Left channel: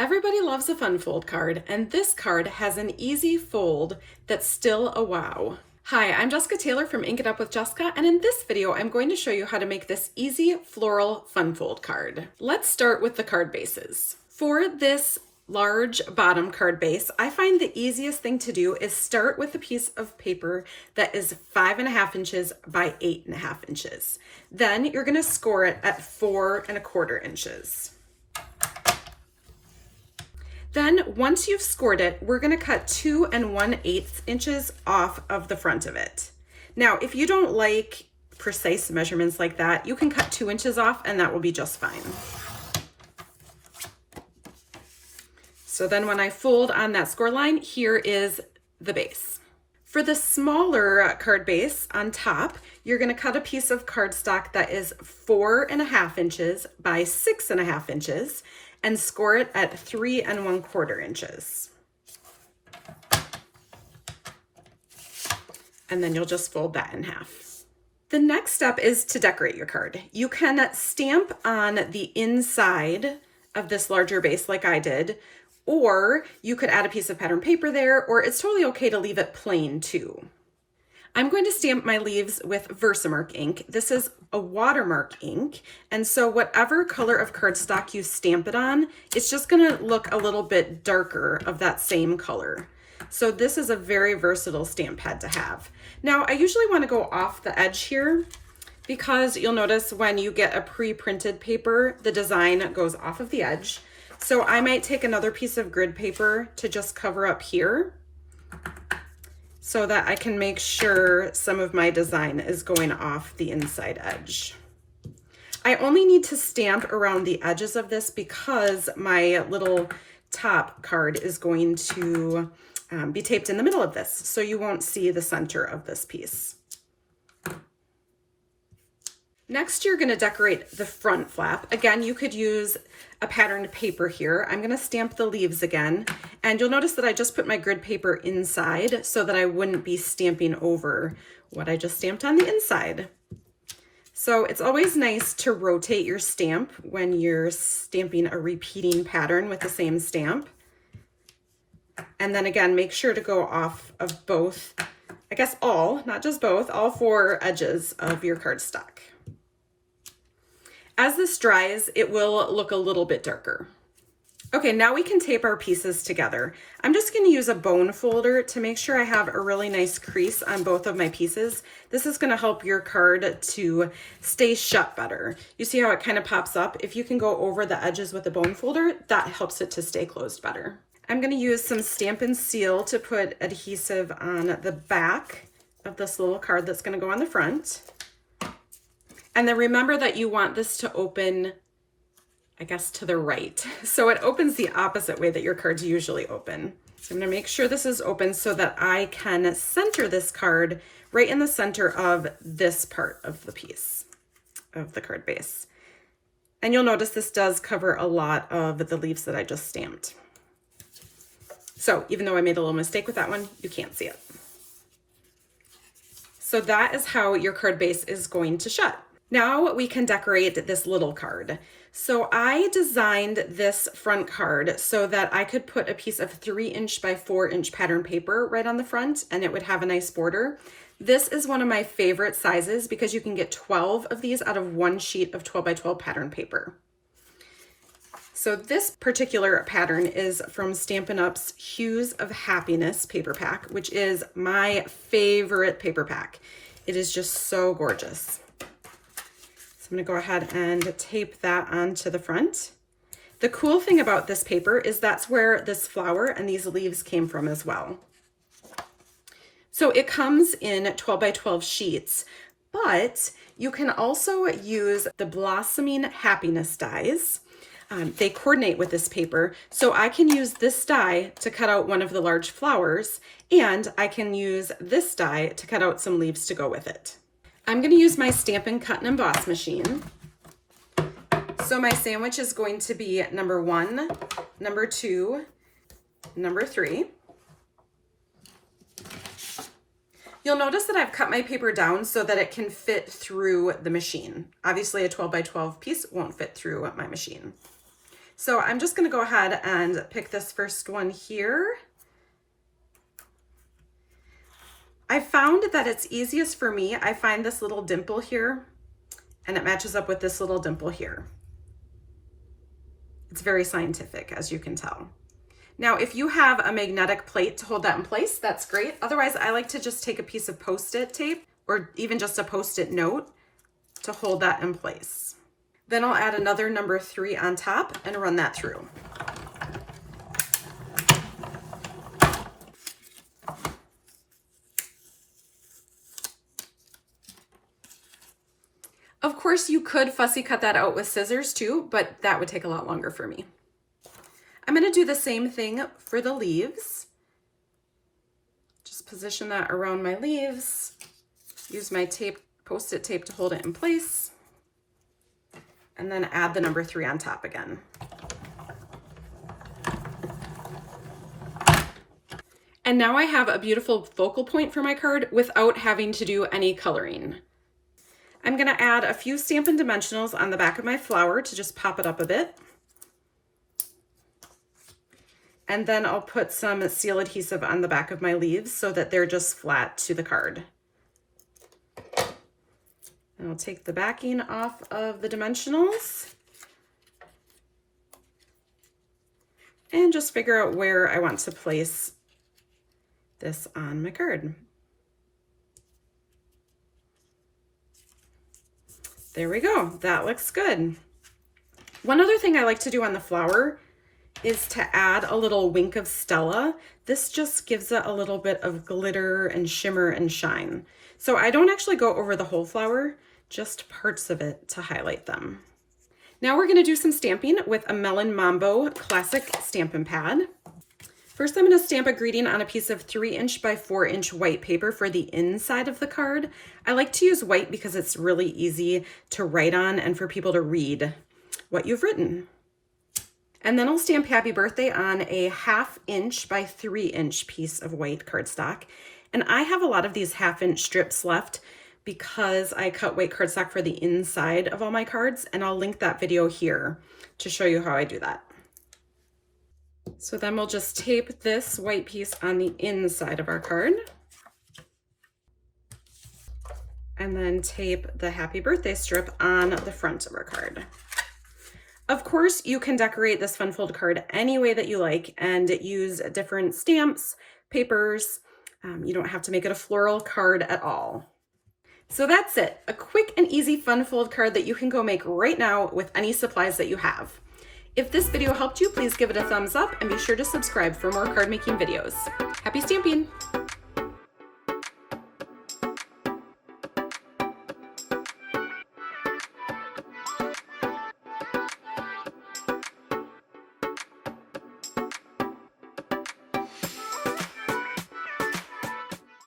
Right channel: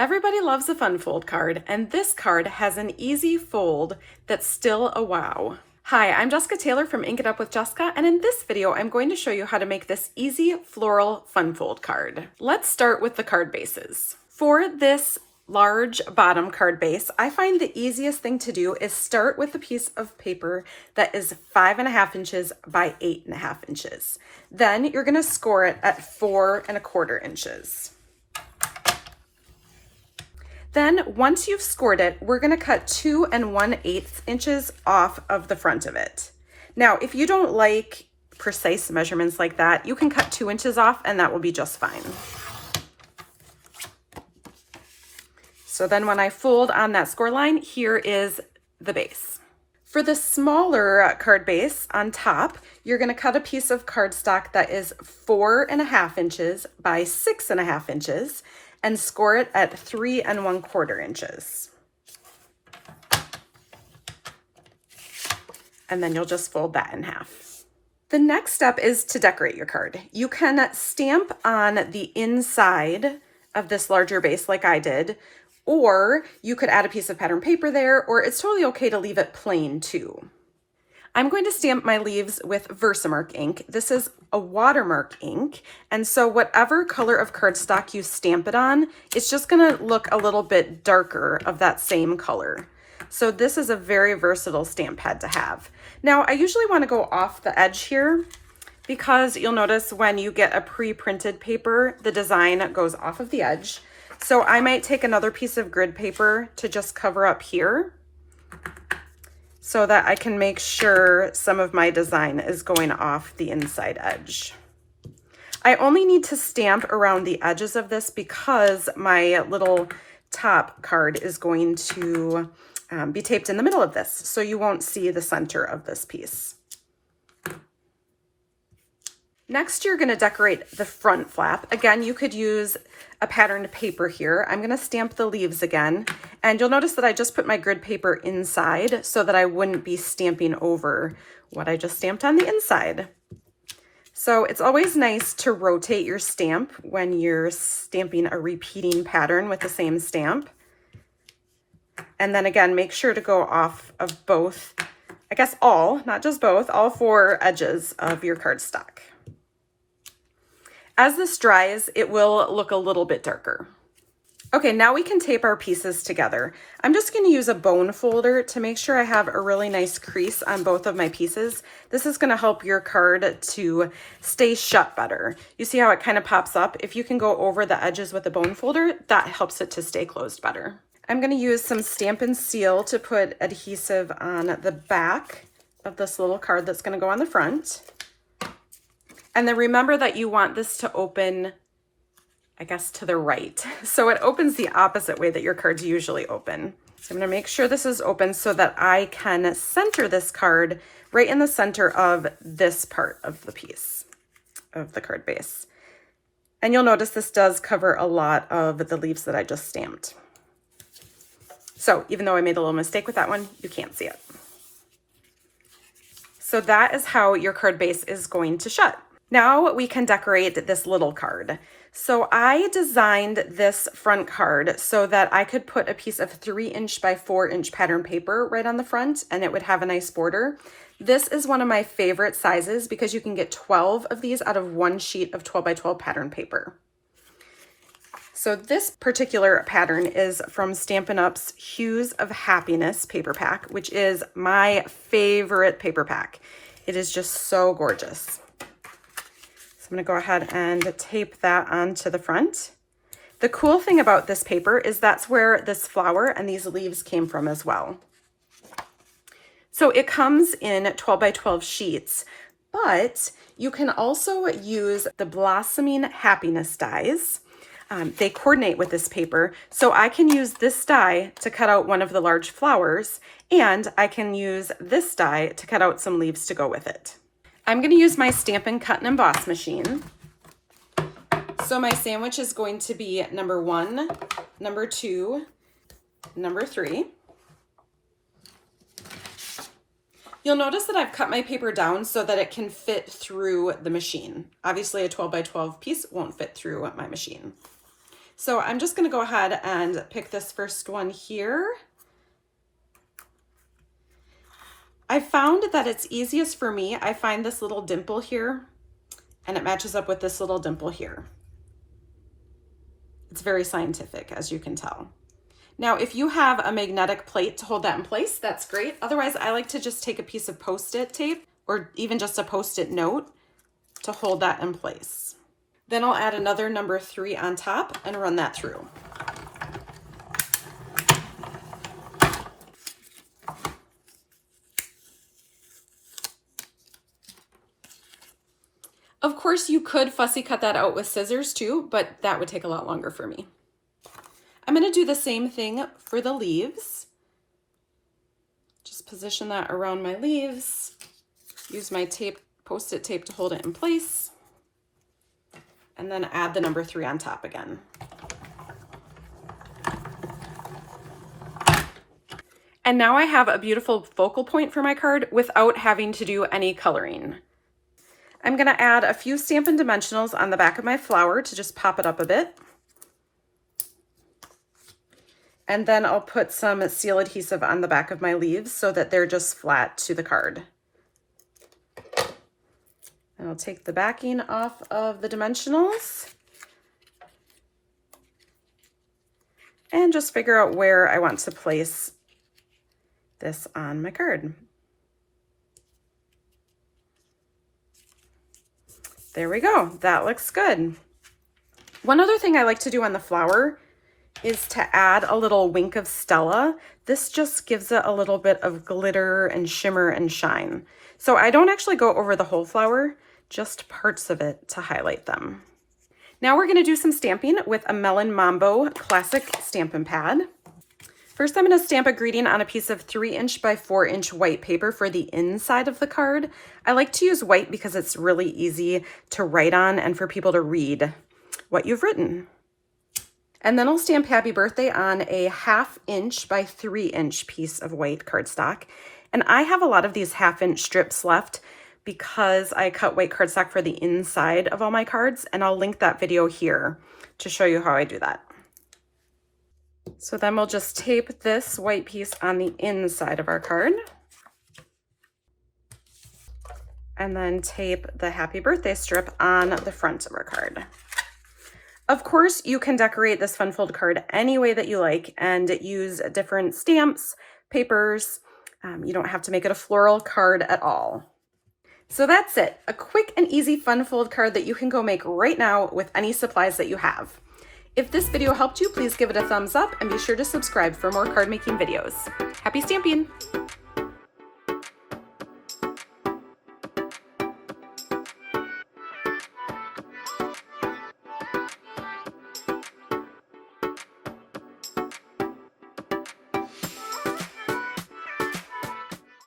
Everybody loves a fun fold card, and this card has an easy fold that's still a wow. Hi, I'm Jessica Taylor from Ink It Up with Jessica, and in this video, I'm going to show you how to make this easy floral fun fold card. Let's start with the card bases. For this large bottom card base, I find the easiest thing to do is start with a piece of paper that is 5.5 inches by 8.5 inches. Then you're gonna score it at 4.25 inches. Then once you've scored it, we're gonna cut 2 1/8 inches off of the front of it. Now, if you don't like precise measurements like that, you can cut 2 inches off and that will be just fine. So then when I fold on that score line, here is the base. For the smaller card base on top, you're gonna cut a piece of cardstock that is 4.5 inches by 6.5 inches and score it at 3.25 inches. And then you'll just fold that in half. The next step is to decorate your card. You can stamp on the inside of this larger base like I did, or you could add a piece of pattern paper there, or it's totally okay to leave it plain too. I'm going to stamp my leaves with Versamark ink. This is a watermark ink, and so whatever color of cardstock you stamp it on, it's just gonna look a little bit darker of that same color. So this is a very versatile stamp pad to have. Now, I usually wanna go off the edge here because you'll notice when you get a pre-printed paper, the design goes off of the edge. So I might take another piece of grid paper to just cover up here so that I can make sure some of my design is going off the inside edge. I only need to stamp around the edges of this because my little top card is going to be taped in the middle of this, so you won't see the center of this piece. Next, you're gonna decorate the front flap. Again, you could use a patterned paper here. I'm gonna stamp the leaves again, and you'll notice that I just put my grid paper inside so that I wouldn't be stamping over what I just stamped on the inside. So it's always nice to rotate your stamp when you're stamping a repeating pattern with the same stamp. And then again, make sure to go off of both, I guess all, not just both, all 4 edges of your cardstock. As this dries, it will look a little bit darker. Okay, now we can tape our pieces together. I'm just gonna use a bone folder to make sure I have a really nice crease on both of my pieces. This is gonna help your card to stay shut better. You see how it kind of pops up? If you can go over the edges with a bone folder, that helps it to stay closed better. I'm gonna use some Stamp and Seal to put adhesive on the back of this little card that's gonna go on the front. And then remember that you want this to open, I guess, to the right. So it opens the opposite way that your cards usually open. So I'm gonna make sure this is open so that I can center this card right in the center of this part of the piece of the card base. And you'll notice this does cover a lot of the leaves that I just stamped. So even though I made a little mistake with that one, you can't see it. So that is how your card base is going to shut. Now we can decorate this little card. So I designed this front card so that I could put a piece of 3" by 4" pattern paper right on the front and it would have a nice border. This is one of my favorite sizes because you can get 12 of these out of one sheet of 12 by 12 pattern paper. So this particular pattern is from Stampin' Up's Hues of Happiness paper pack, which is my favorite paper pack. It is just so gorgeous. I'm gonna go ahead and tape that onto the front. The cool thing about this paper is that's where this flower and these leaves came from as well. So it comes in 12 by 12 sheets, but you can also use the Blossoming Happiness dies. They coordinate with this paper, so I can use this die to cut out one of the large flowers, and I can use this die to cut out some leaves to go with it. I'm gonna use my Stampin' Cut and Emboss machine. So my sandwich is going to be number 1, number 2, number 3. You'll notice that I've cut my paper down so that it can fit through the machine. Obviously a 12 by 12 piece won't fit through my machine. So I'm just gonna go ahead and pick this first one here. I found that it's easiest for me. I find this little dimple here and it matches up with this little dimple here. It's very scientific, as you can tell. Now, if you have a magnetic plate to hold that in place, that's great. Otherwise, I like to just take a piece of Post-it tape or even just a Post-it note to hold that in place. Then I'll add another number 3 on top and run that through. Of course, you could fussy cut that out with scissors too, but that would take a lot longer for me. I'm going to do the same thing for the leaves. Just position that around my leaves. Use my tape, Post-it tape to hold it in place. And then add the number 3 on top again. And now I have a beautiful focal point for my card without having to do any coloring. I'm going to add a few Stampin' Dimensionals on the back of my flower to just pop it up a bit. And then I'll put some seal adhesive on the back of my leaves so that they're just flat to the card. And I'll take the backing off of the dimensionals and just figure out where I want to place this on my card. There we go, that looks good. One other thing I like to do on the flower is to add a little wink of Stella. This just gives it a little bit of glitter and shimmer and shine. So I don't actually go over the whole flower, just parts of it to highlight them. Now we're gonna do some stamping with a Melon Mambo Classic Stampin' Pad. First, I'm gonna stamp a greeting on a piece of 3" by 4" white paper for the inside of the card. I like to use white because it's really easy to write on and for people to read what you've written. And then I'll stamp Happy Birthday on a 1/2" by 3" piece of white cardstock. And I have a lot of these 1/2" strips left because I cut white cardstock for the inside of all my cards, and I'll link that video here to show you how I do that. So then we'll just tape this white piece on the inside of our card. And then tape the Happy Birthday strip on the front of our card. Of course, you can decorate this fun fold card any way that you like and use different stamps, papers. You don't have to make it a floral card at all. So that's it, a quick and easy fun fold card that you can go make right now with any supplies that you have. If this video helped you, please give it a thumbs up and be sure to subscribe for more card making videos. Happy stamping!